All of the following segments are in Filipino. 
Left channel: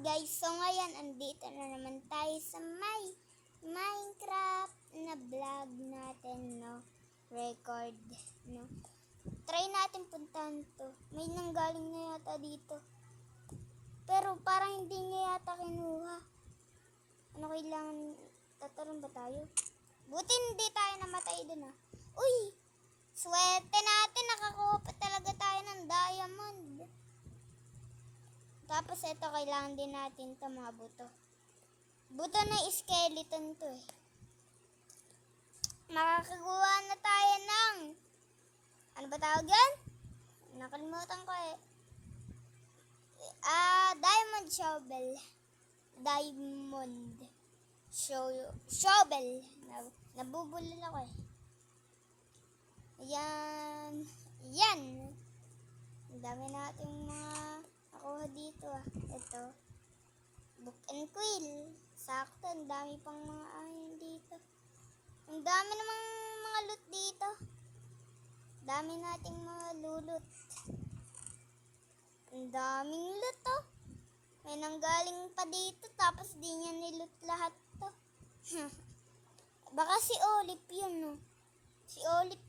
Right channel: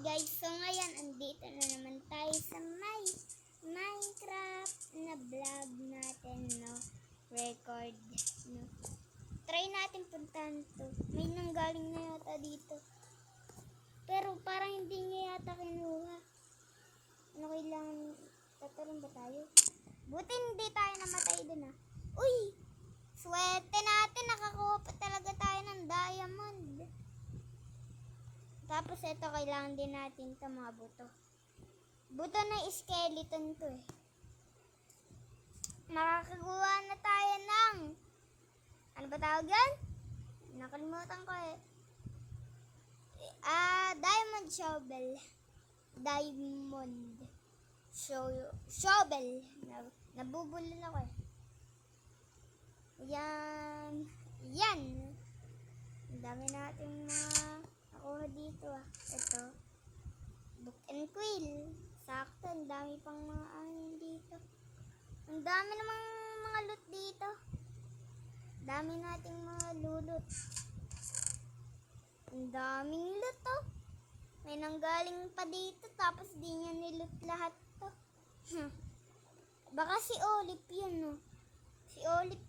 Guys, so ngayon, andito na naman tayo sa may Minecraft na vlog natin, no? Record, no? Try natin puntahan to. May nanggaling na yata dito. Pero parang hindi niya yata kinuha. Ano kailangan? Tatalon ba tayo? Buti hindi tayo namatay dun, ah. Uy! Swerte natin, nakakuha pa talaga tayo ng diamond. Tapos ito, kailangan din natin ito, mga buto. Buto na skeleton to eh. Makakagawa na tayo ng, ano ba tawag yan? Nakalimutan ko eh. Diamond shovel. Diamond shovel. Nabubulol ako eh. Yan. Yan. Ang dami nating mga nakuha dito ah. Ito. Book and quill. Sakto. Ang dami pang mga ahin dito. Ang dami namang mga loot dito. Dami nating mga lulot. Ang daming loot oh. May nanggaling pa dito tapos di niya niloot lahat to. Baka si Olip yun no. Si Olip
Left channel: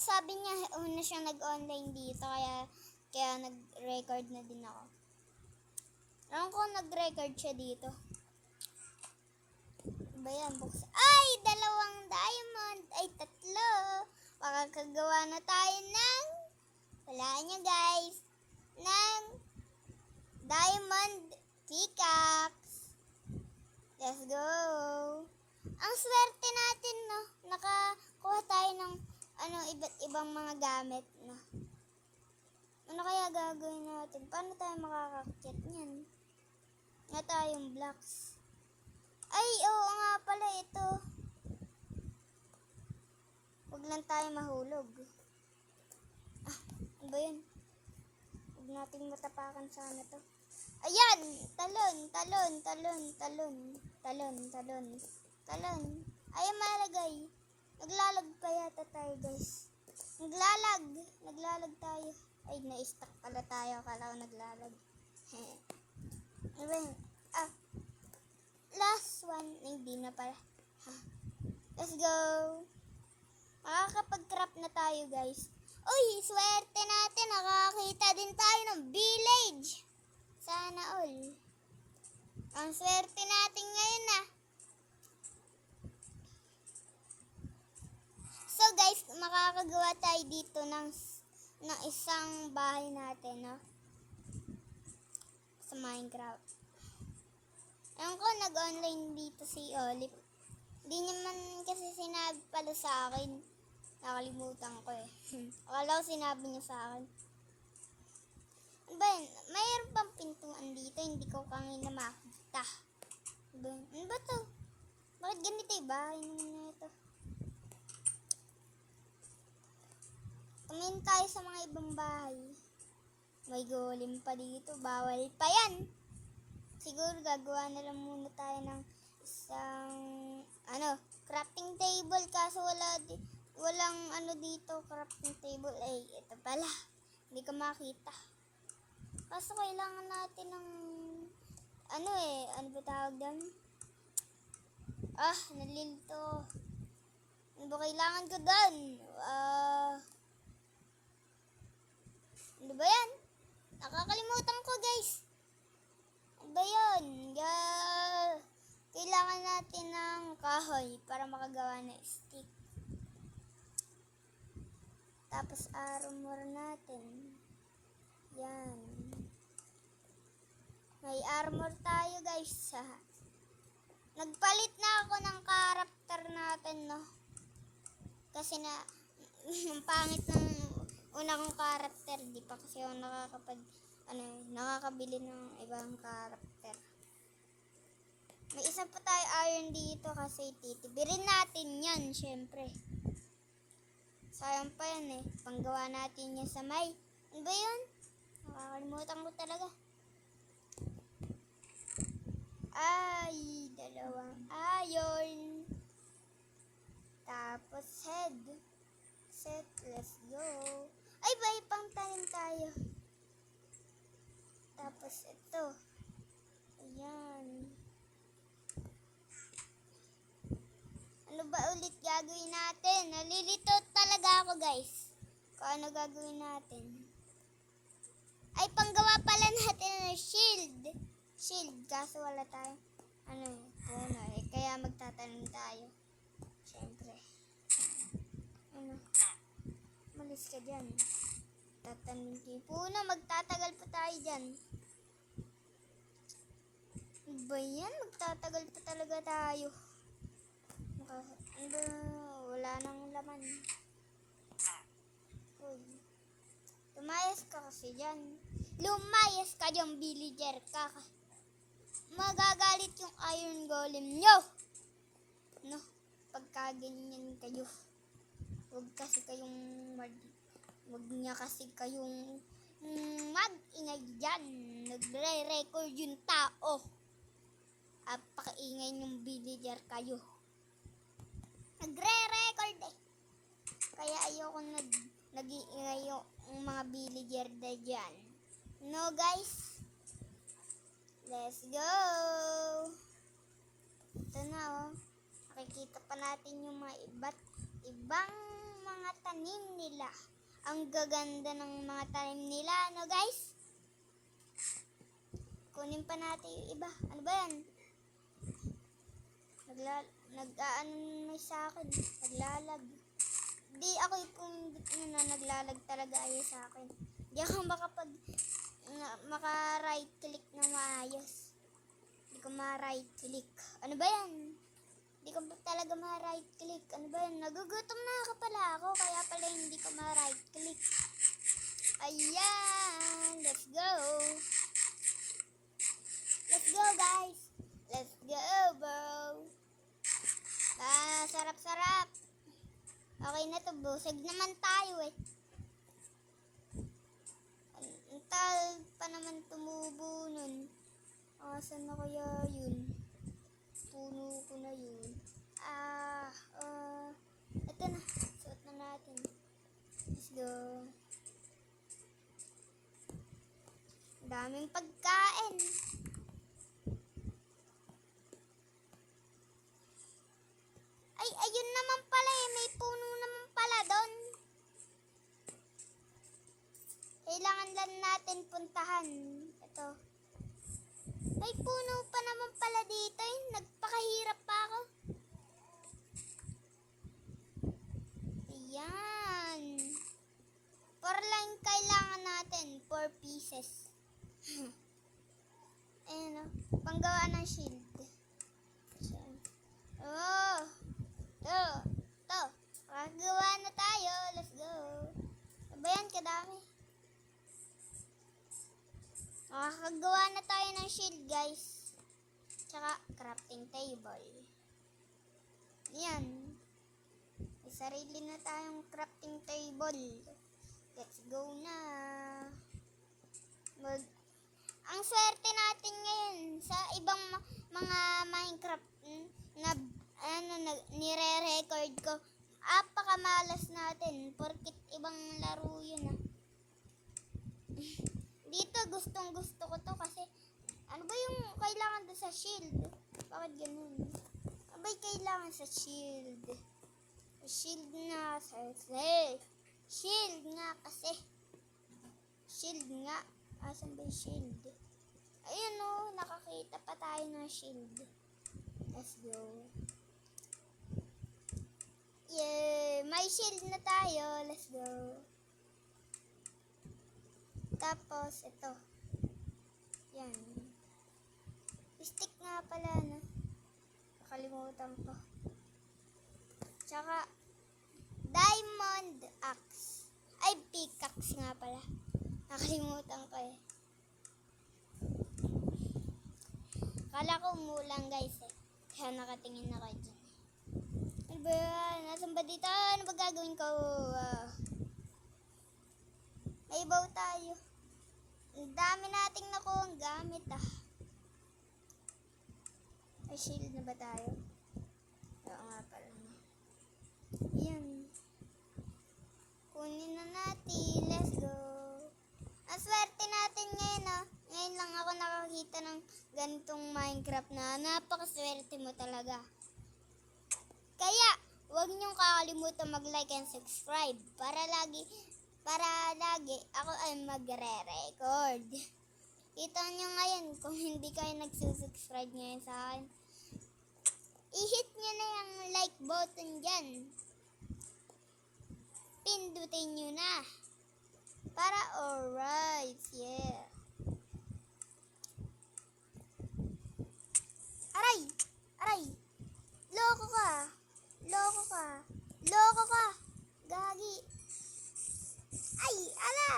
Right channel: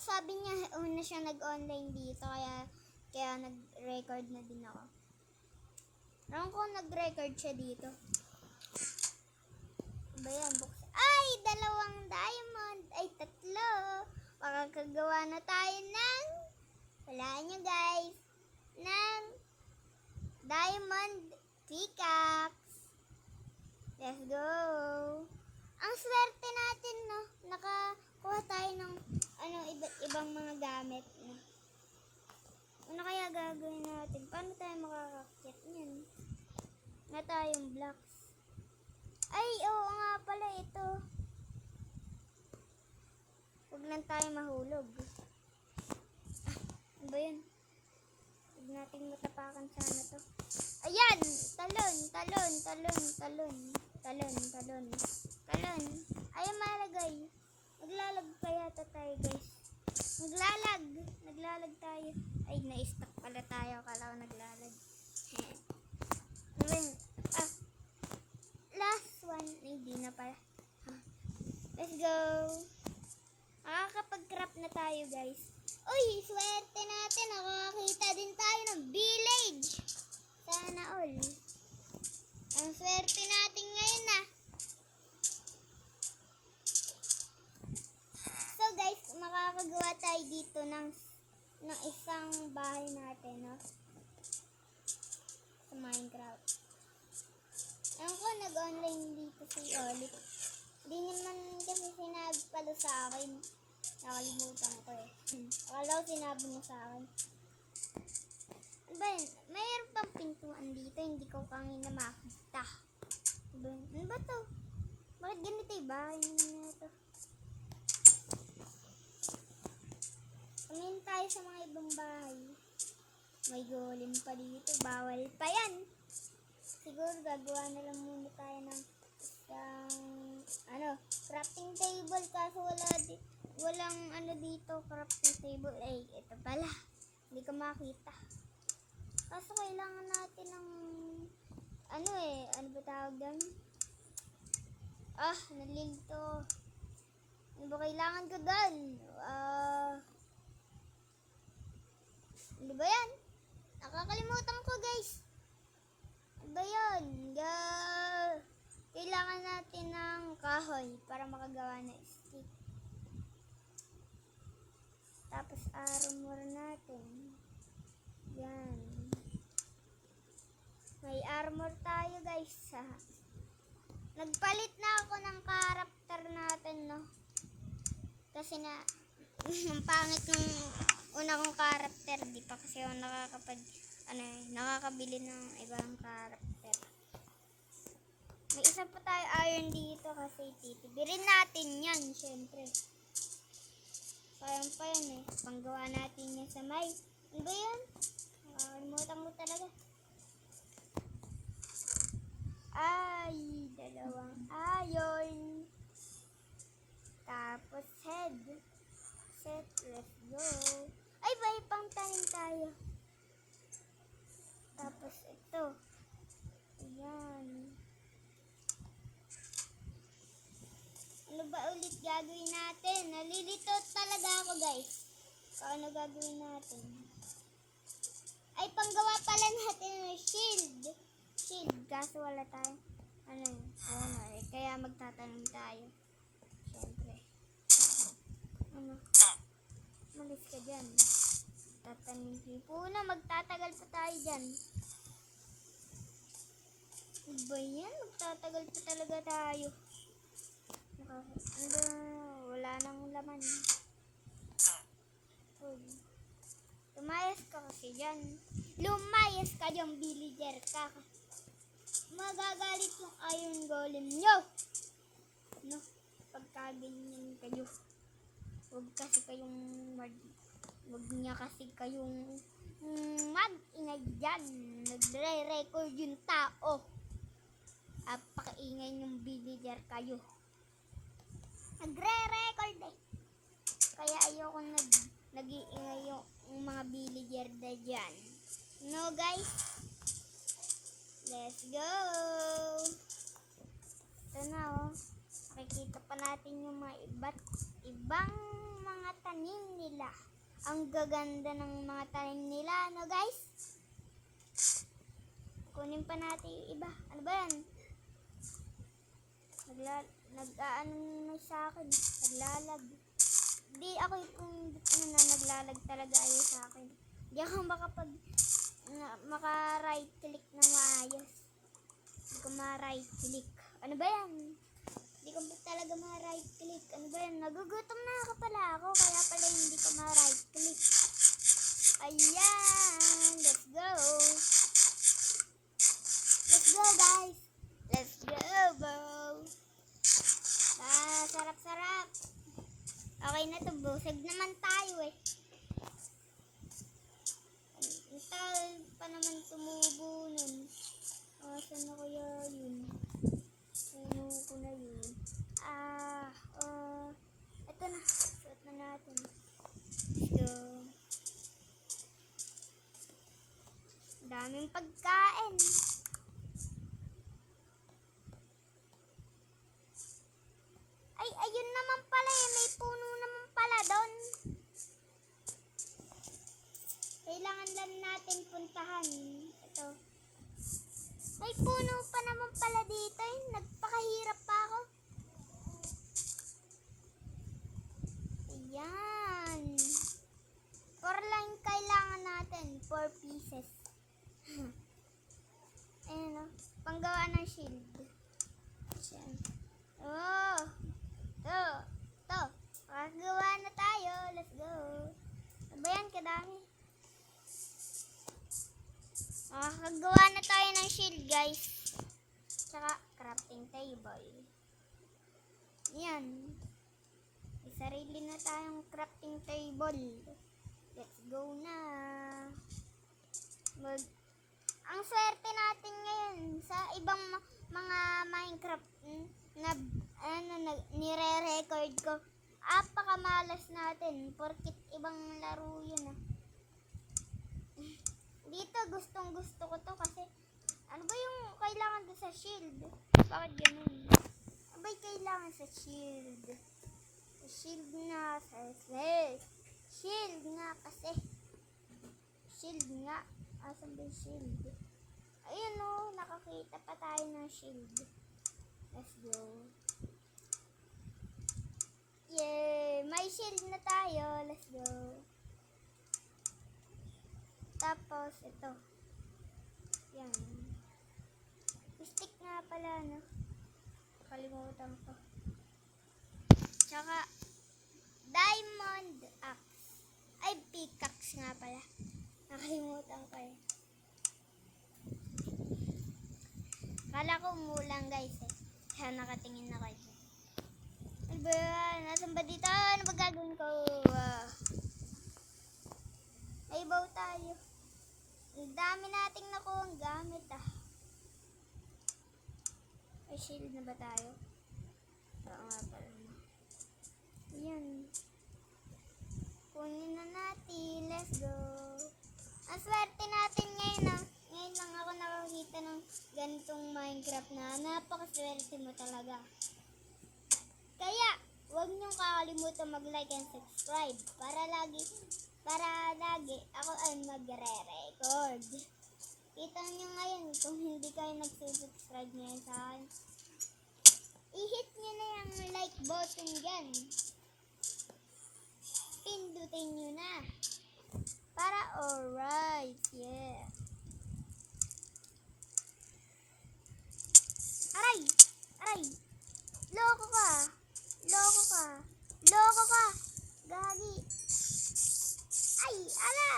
sabi niya una siya nag-online dito kaya nag-record na din ako. Alam ko nag-record siya dito. Ba yan? Ay! 2 diamond! Ay, 3! Makakagawa na tayo ng walaan nyo guys ng diamond pickaxe. Let's go! Ang swerte natin no. Nakakuha tayo ng iba't ibang mga gamit no. Ano kaya gagawin natin? Paano tayo makakakyat niyan? Nga tayong blocks. Ay, oo nga pala ito. Huwag lang tayo mahulog. Ano ba yun? Huwag nating matapakan sana to. Ayan! Talon. Ayaw malagay. Naglalag pa yata tayo guys. Naglalag tayo. Ay, na-stuck pala tayo. Akala ko naglalag. Last one. Hindi na pala. Let's go. Makakapag-craft na tayo guys. Uy, swerte natin. Nakakita din tayo ng village. Sana all. Ang swerte natin ngayon na. So guys, makakagawa tayo dito ng isang bahay natin, no? Sa Minecraft. Alam ko, nag-online dito si Olip. Hindi naman kasi sinabi pala sa akin. Nakalimutan ko eh. Akala ko sinabi niya sa akin. Mayroon pang pintuan dito, hindi ko kanina makita. Ano ba to? Bakit ganito yung bahay naman ito? Tumingin tayo sa mga ibang bahay. May golem pa dito, bawal pa yan. Siguro gagawa na lang muna tayo ng isang crafting table kaso walang dito crafting table. Ay, ito pala. Hindi ko makita. Kaso kailangan natin ng ano ba tawag doon? Nalilito. Ano ba kailangan ko doon? Ano ba yan? Nakakalimutan ko guys. Ano ba yun? Kailangan natin ng kahoy para makagawa ng stick. Tapos armor natin. Yan. May armor tayo guys. Nagpalit na ako ng character natin no. Kasi ang pangit ng una kong character. Di pa kasi ako nakakabili ng ibang character. May isa pa tayo iron dito kasi titibirin natin yan syempre. Sayang pa yan Panggawa natin yan sa may. Ano ba yun? Nakakalimutan ko talaga. Ay, 2 iron. Tapos head. Set, let's go. Ay, may pang tanim tayo. Tapos ito. gagawin natin. Nalilito talaga ako guys. Kung ano gagawin natin. Ay, panggawa pala natin ng shield. Shield, kaso wala tayo. Puno eh. Kaya magtatanim tayo. Siyempre. Malis ka dyan. Tatanim kayo. Puno, magtatagal pa tayo dyan. Ba yan? Magtatagal pa talaga tayo. Wala nang laman. Uy. Lumayas ka kasi dyan. Lumayas ka dyan, villager ka. Magagalit yung iron golem nyo. No, pagkaganyan kayo. Huwag niya kasi kayong mag-ingay dyan. Nagre-record yung tao. At pakaingay ng villager kayo. Nagre-record eh. Kaya ayoko nag-iingay yung mga villager na dyan. No guys? Let's go! Ito na oh. Makikita pa natin yung mga ibang mga tanim nila. Ang gaganda ng mga tanim nila. No guys? Kunin pa natin yung iba. Ano ba yan? Nag-aano sa akin. Naglalag. Di ako yung naglalag talaga ay sa akin. Di ako maka-right click na maayos. Di ko ma-right click. Ano ba yan? Di ko talaga ma-right click. Ano ba yan? Nagugutom na ka pala ako. Kaya pala hindi ko ma-right click. Ayan. Let's go. Let's go guys. Let's go bro. Sarap-sarap. Okay na to, busog naman tayo eh. Antal pa naman tumubo nun. Saan na kaya yun? Puno ko na yun. Ito na. Suot na natin. Let's go. Daming pagkain. Ay, ayun naman pala eh. May puno naman pala doon. Kailangan lang natin puntahan. Ito. May puno pa naman pala dito eh. Nagpakahirap pa ako. Ayan. 4 lang kailangan natin. 4 pieces. Ayan o. Panggawa ng shield. Oh. To. Makagawa na tayo. Let's go. Sabayan kadami. Makakagawa na tayo ng shield guys. Tsaka crafting table. Yan. May sarili na tayong crafting table. Let's go na. Ang swerte natin ngayon sa ibang mga Minecraft na nire-record ko. Apakamalas natin porkit ibang laro yun ah. Dito gustong gusto ko to kasi ano ba yung kailangan doon sa shield? Bakit ganun? Ano ba yung kailangan sa shield? Shield nga Shield nga kasi. Shield nga. Asan ba yung shield? Ayun o, nakakita pa tayo ng shield. Let's go. Yeah, may shield na tayo. Let's go. Tapos, ito. Yan. Stick nga pala, no? Kalimutan ko. Tsaka, diamond axe. Ay, pickaxe nga pala. Nakalimutan ko eh. Kala ko umulang guys eh. Kaya nakatingin ako dyan. Ano ba yan? Nasaan ba dito? Ano ba gagawin ko? May bow tayo. Ang dami nating nakuha ang gamit ah. May shield na ba tayo? Oo nga pala. Yan. Kunin na natin. Let's go. Ang swerte natin ngayon ah. Ngayon lang ako nakakita ng ganitong Minecraft na napakaswerte mo talaga. Kaya, huwag niyong kakalimutan mag-like and subscribe para lagi ako ay magre-record. Kita niyo ngayon kung hindi kayo nagsusubscribe ngayon sa akin. I-hit niyo na yung like button dyan. Pindutin niyo na. Para alright, yeah. Aray! Aray! Loko ka! Loko ka! Loko ka! Gagi! Ay! Ala!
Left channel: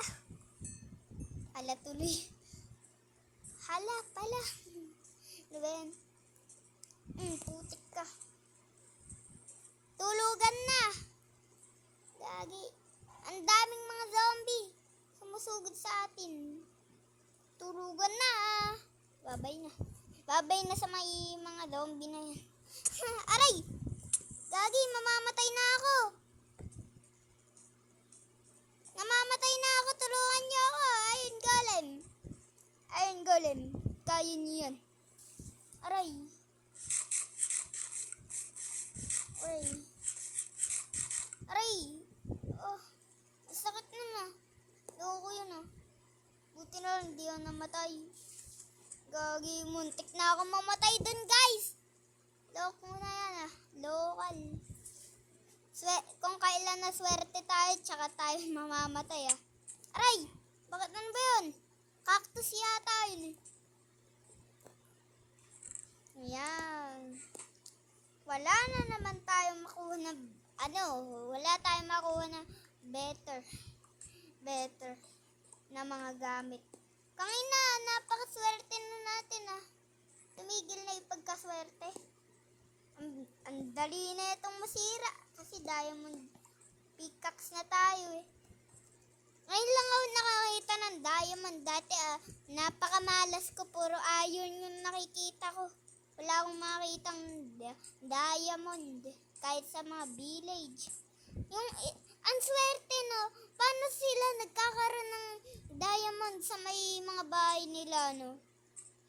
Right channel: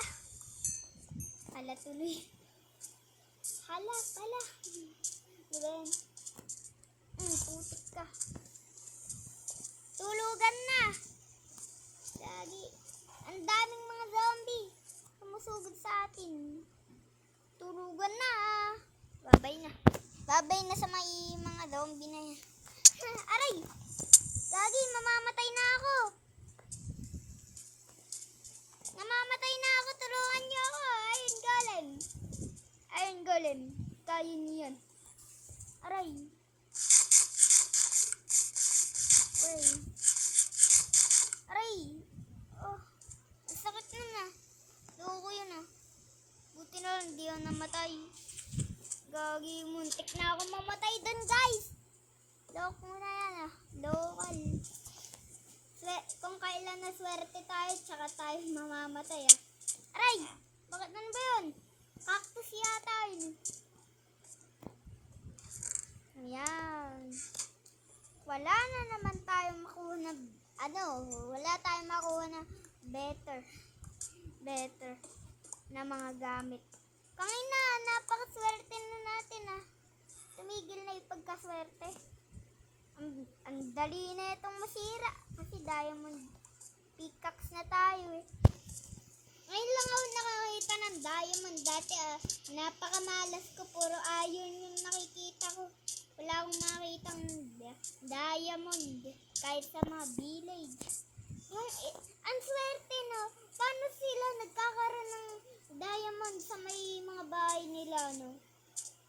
Ala tuloy. Hala pala. Ano ba yan? Putik ka. Tulugan na! Gagi. Ang daming mga zombie. Sumusugod sa atin. Tulugan na. Babay na. Babay na sa mga zombie na yan. Aray! Gagi, mamamatay na ako. Namamatay na ako. Tulungan niyo ako. Iron Golem. Iron Golem. Kaya niyo yan. Aray. Aray. Aray. Oh. Sakit na na. Loko yun ah. Buti na lang, di ako namatay. Gagi, muntik na ako mamatay dun, guys. Loko na yan ah. Local. Kung kailan na swerte tayo, tsaka tayo mamamatay ah. Aray! Bakit ano ba yun? Cactus yata yun. Ayan. Wala na naman tayong makuha na, wala tayong makuha na better na mga gamit. Kangina, napakaswerte na natin ah. Tumigil na yung pagkaswerte. Ang dali na itong masira kasi diamond pickaxe na tayo eh. Ngayon lang ako nakakita ng diamond. Dati napakamalas ko, puro iron yung nakikita ko. Wala akong makitang diamond kahit sa mga village. Ang swerte no, paano sila nagkakaroon ng diamond sa may mga bahay nila no?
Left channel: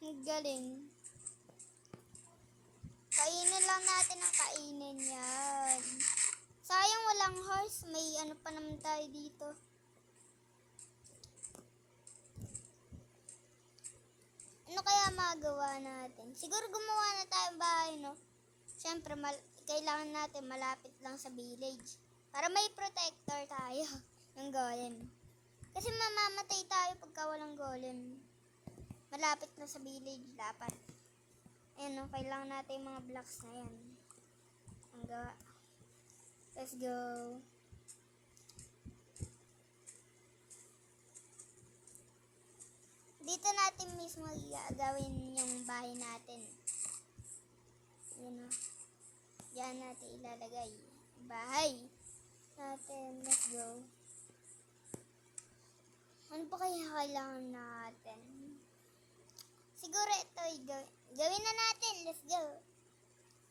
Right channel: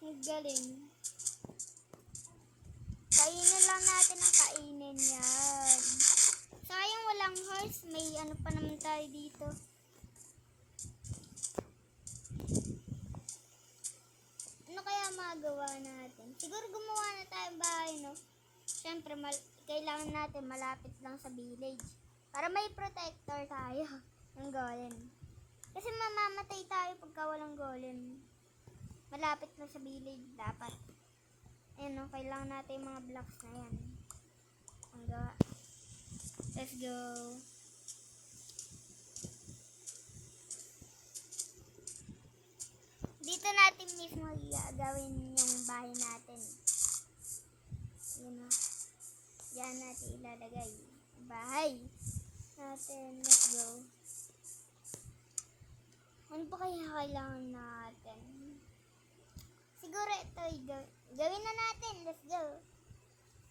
Ang galing. Kainin lang natin ang kainin yan. Sayang walang horse, may ano pa naman tayo dito. Ano kaya magawa natin? Siguro gumawa na tayong bahay, no? Siyempre, kailangan natin malapit lang sa village. Para may protector tayo ng golem. Kasi mamamatay tayo pagka walang golem. Malapit na sa village dapat. Ayan, no? Kailangan natin yung mga blocks na yan. Ang gawa. Let's go. Dito natin mismo gagawin yung bahay natin. Yun o. Diyan natin ilalagay. Bahay natin. Let's go. Ano pa kaya kailangan natin? Siguro ito gawin na natin. Let's go.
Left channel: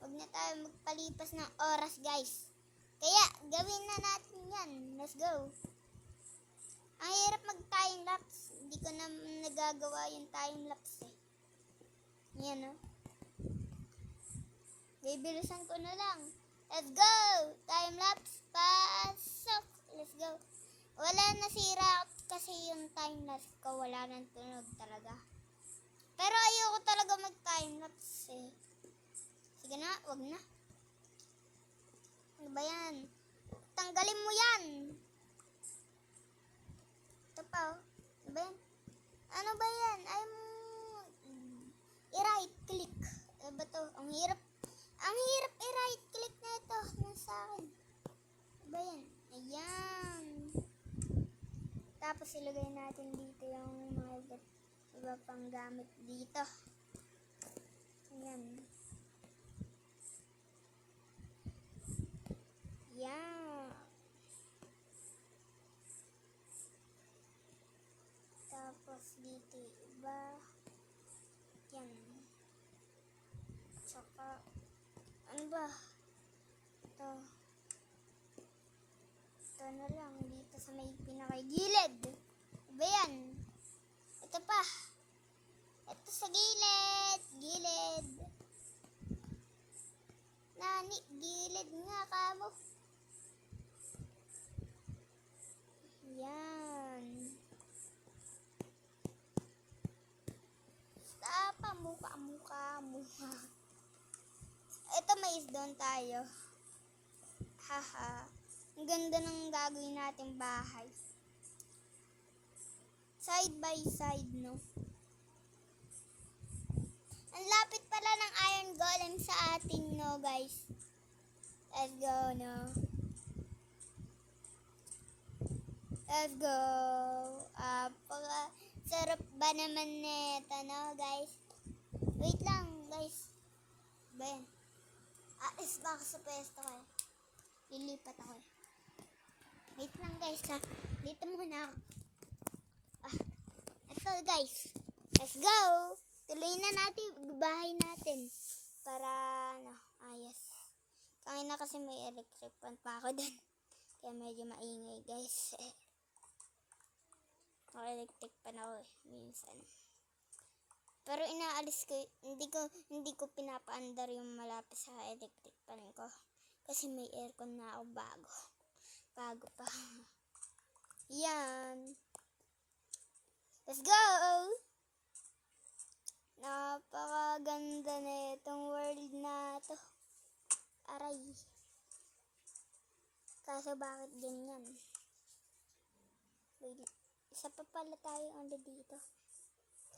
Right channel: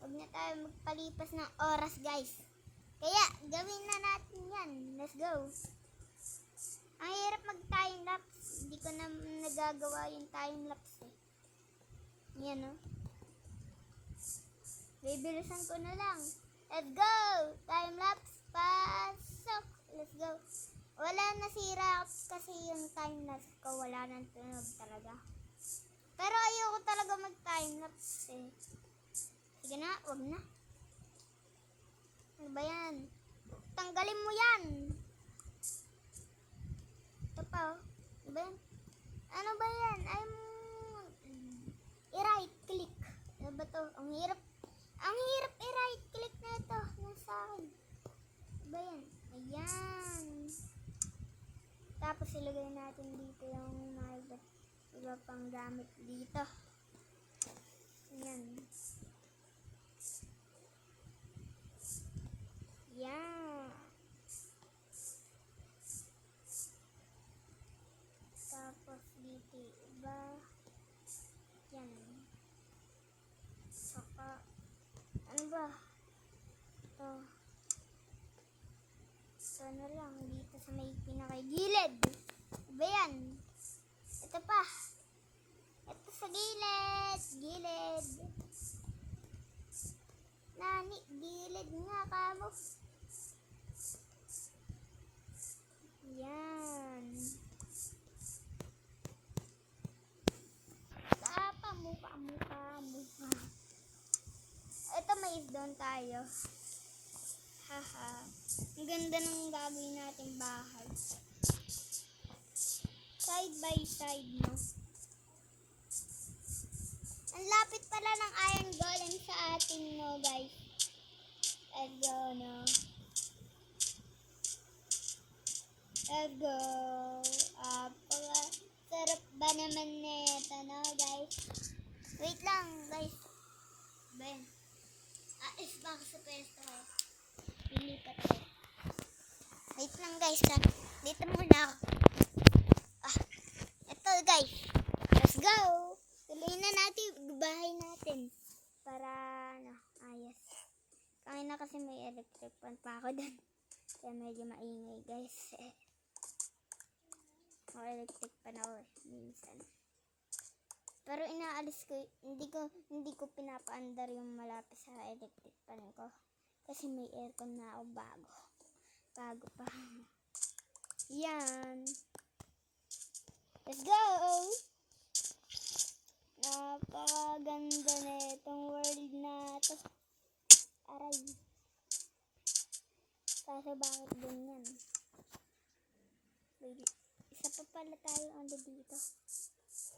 Huwag na tayo magpalipas ng oras, guys. Kaya gawin na natin yan. Let's go. Ang hirap mag-time lapse. Hindi ko na nagagawa yung time lapse eh. Yan o. Bibilisan ko na lang. Let's go! Time lapse. Pasok. Let's go. Wala nasira kasi yung time lapse ko. Wala nang tunog talaga. Pero ayoko talaga mag-time lapse eh. Sige na, wag na. Ano ba yan? Tanggalin mo yan. Ito pa oh. Ano ba yan? Ano ba yan? I-right click. Ano ba to? Ang hirap i-right click na ito. Nasa akin. Ano ba yan? Ayan. Tapos ilagay natin dito yung mga iba pang gamit dito. Ayan. Yan. Tapos dito iba. Yan. Saka ano ba? Ito. Ito na lang dito sa may pinakagilid. Iba yan. Ito pa. Ito sa gilid. Gilid. Nani, gilid nga kamo. Yan. Tapa, muka. Ito, may isdon tayo. Haha. Ang ganda ng gagawin nating bahay. Side by side, no? Ang lapit pala ng iron golem sa atin, no, guys? Let's go, no? Let's go. Sarap ba naman nito, no, guys? Wait lang, guys. Ben. Is baka sa pwesto kayo. Lilipat tayo. Wait lang, guys. Dito muna ako. Ito, guys. Let's go. Tuloy na natin bahay natin. Para, ayos. Kanina kasi may electric fan pa ako dun. Kaya medyo maingay, guys. Electric pan ako minsan. Pero inaalis ko, hindi ko pinapaandar yung malapit sa electric pan ko. Kasi may aircon na ako bago pa. Yan. Let's go! Napakaganda na itong world na to. Aray. Kaso bakit ganyan? Isa pa pala tayo under dito.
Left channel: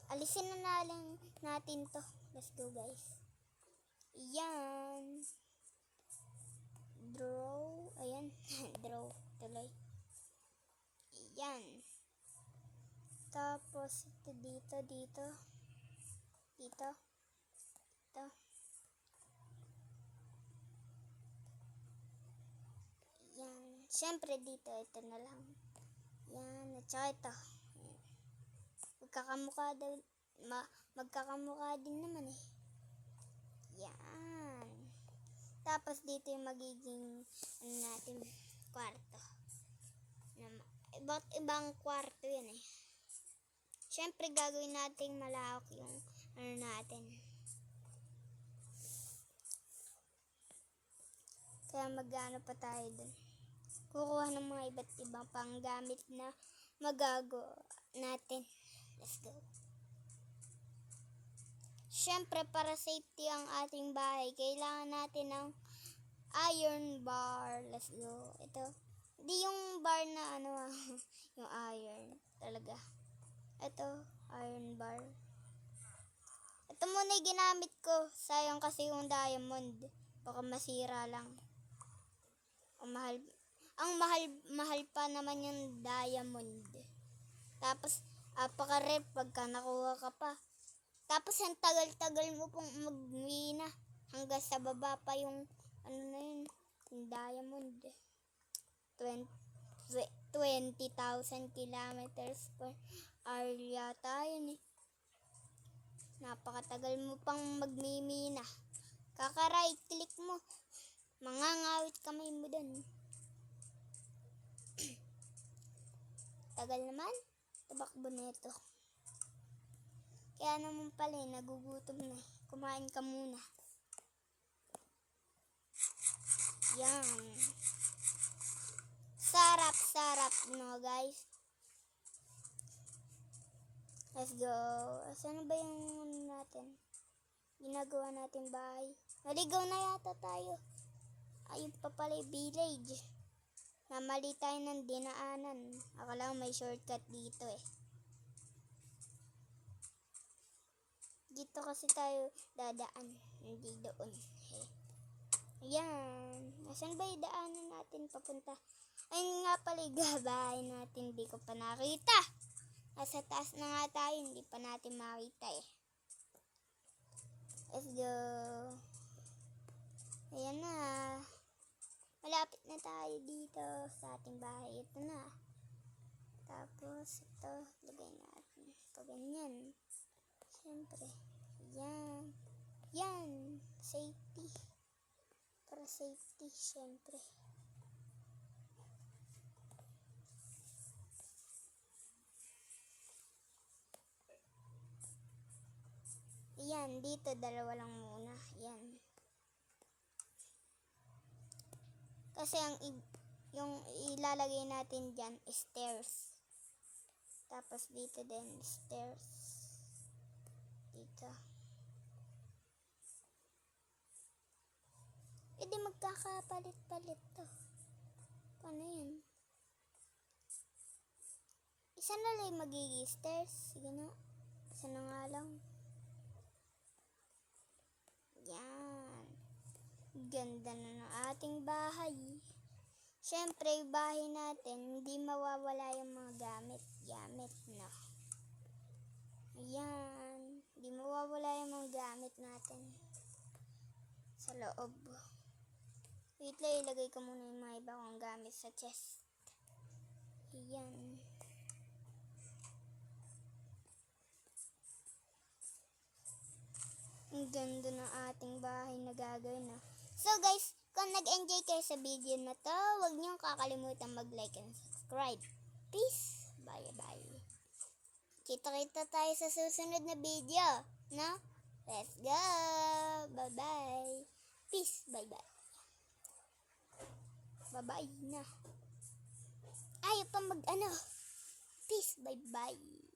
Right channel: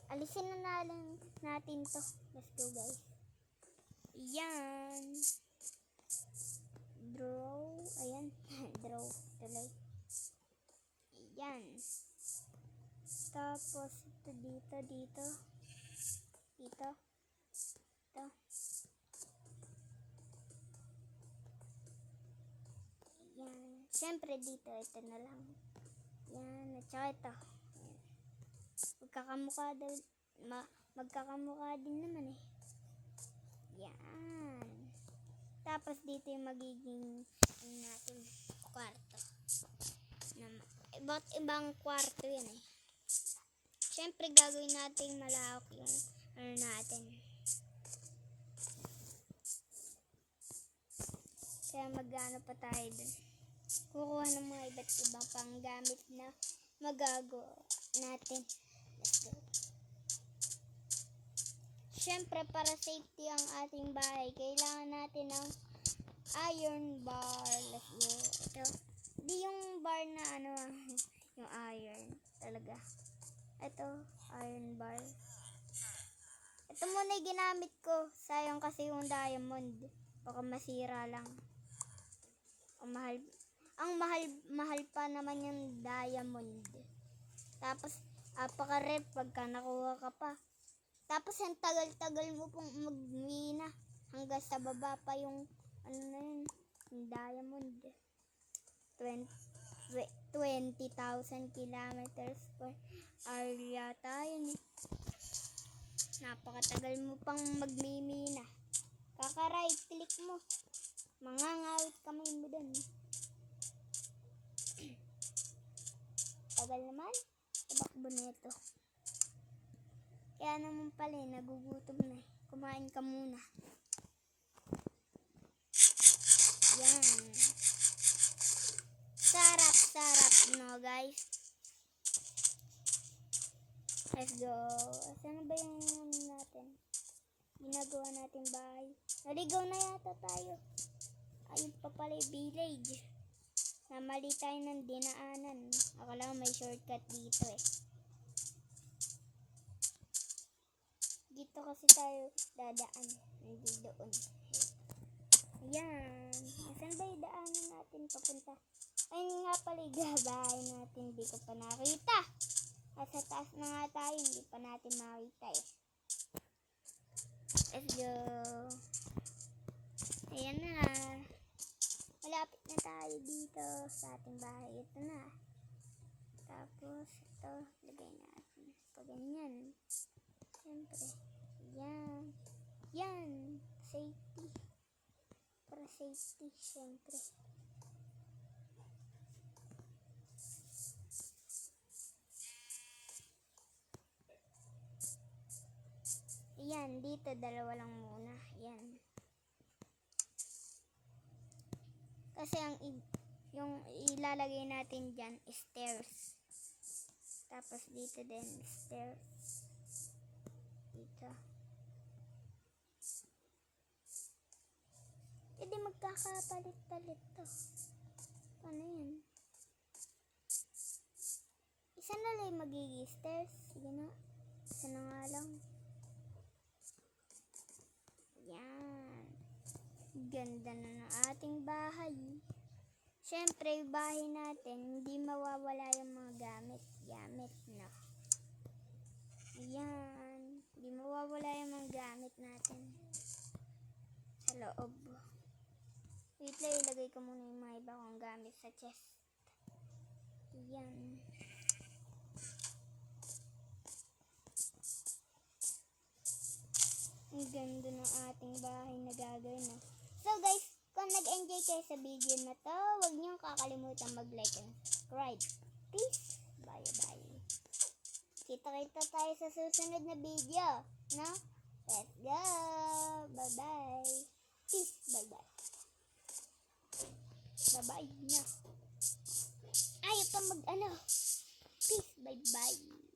Alisin na lang natin to. Let's go, guys. Yan. Draw. Ayan. Draw. Tuloy. Yan. Tapos ito dito. Dito. Yan. Siyempre dito. Ito na lang. Yan. At saka ito. Magkakamukha din naman eh. Yan. Tapos dito yung magiging natin kwarto. Iba't ibang kwarto yan eh. Siyempre gagawin natin malawak yung natin. Kaya magano pa tayo dun. Kukuha ng mga iba't ibang panggamit na magagawa natin. Let's go. Siyempre, para safety ang ating bahay, kailangan natin ng iron bar. Let's go. Ito. Di yung bar na yung iron. Talaga. Ito, iron bar. Ito muna yung ginamit ko. Sayang kasi yung diamond. Baka masira lang. Ang mahal pa naman yung diamond. Tapos, apaka-rep pagka nakuha ka pa. Tapos, ang tagal-tagal mo pong magmina. Hanggang sa baba pa yung, yung diamond. 20,000 kilometers per hour yata yun eh. Napakatagal mo pang magmimina. Kaka-right click mo. Mangangawit kamay mo dun. Tagal naman. Tabakbo na ito. Kaya naman pala nagugutom na. Kumain ka muna. Yan. Sarap, no, guys. Let's go. Saan ba yung ginagawa natin bahay? Naligaw na yata tayo. Ayun pa pala yung village. Namali tayo ng dinaanan. Akala ko may shortcut dito eh. Dito kasi tayo dadaan. Hindi doon. Ayan. Saan ba yung daanan natin papunta? Ayun nga pala yung bahay natin. Hindi ko pa nakita. Nasa taas na nga tayo. Hindi pa natin makita eh. Let's go. Ayan na. Malapit na tayo dito sa ating bahay. Ito na. Tapos ito. Lagay natin. Paganyan. Siyempre. Yan. Yan. Safety. Para safety. Siyempre. Yan. Dito dalawa lang muna. Yan. Kasi yung ilalagay natin dyan is stairs. Tapos dito din stairs. Dito. Hindi magkakapalit-palit to. Paano yun? Isa na lang magiging stairs. Sige na. Isa na nga lang. Yan. Ganda na ng ating bahay. Siyempre, yung bahay natin, hindi mawawala yung mga gamit, no? Ayan. Hindi mawawala yung mga gamit natin sa loob. Wait lang, ilagay ko muna yung mga iba kong gamit sa chest. Ayan. Ang ganda ng ating bahay na gagawin, no? So guys, kung nag-enjoy kayo sa video na to, huwag niyong kakalimutan mag-like and subscribe. Peace! Bye-bye! Kita-kita tayo sa susunod na video, no? Let's go! Bye-bye! Peace! Bye-bye! Bye-bye na! Ayaw pa Peace! Bye-bye!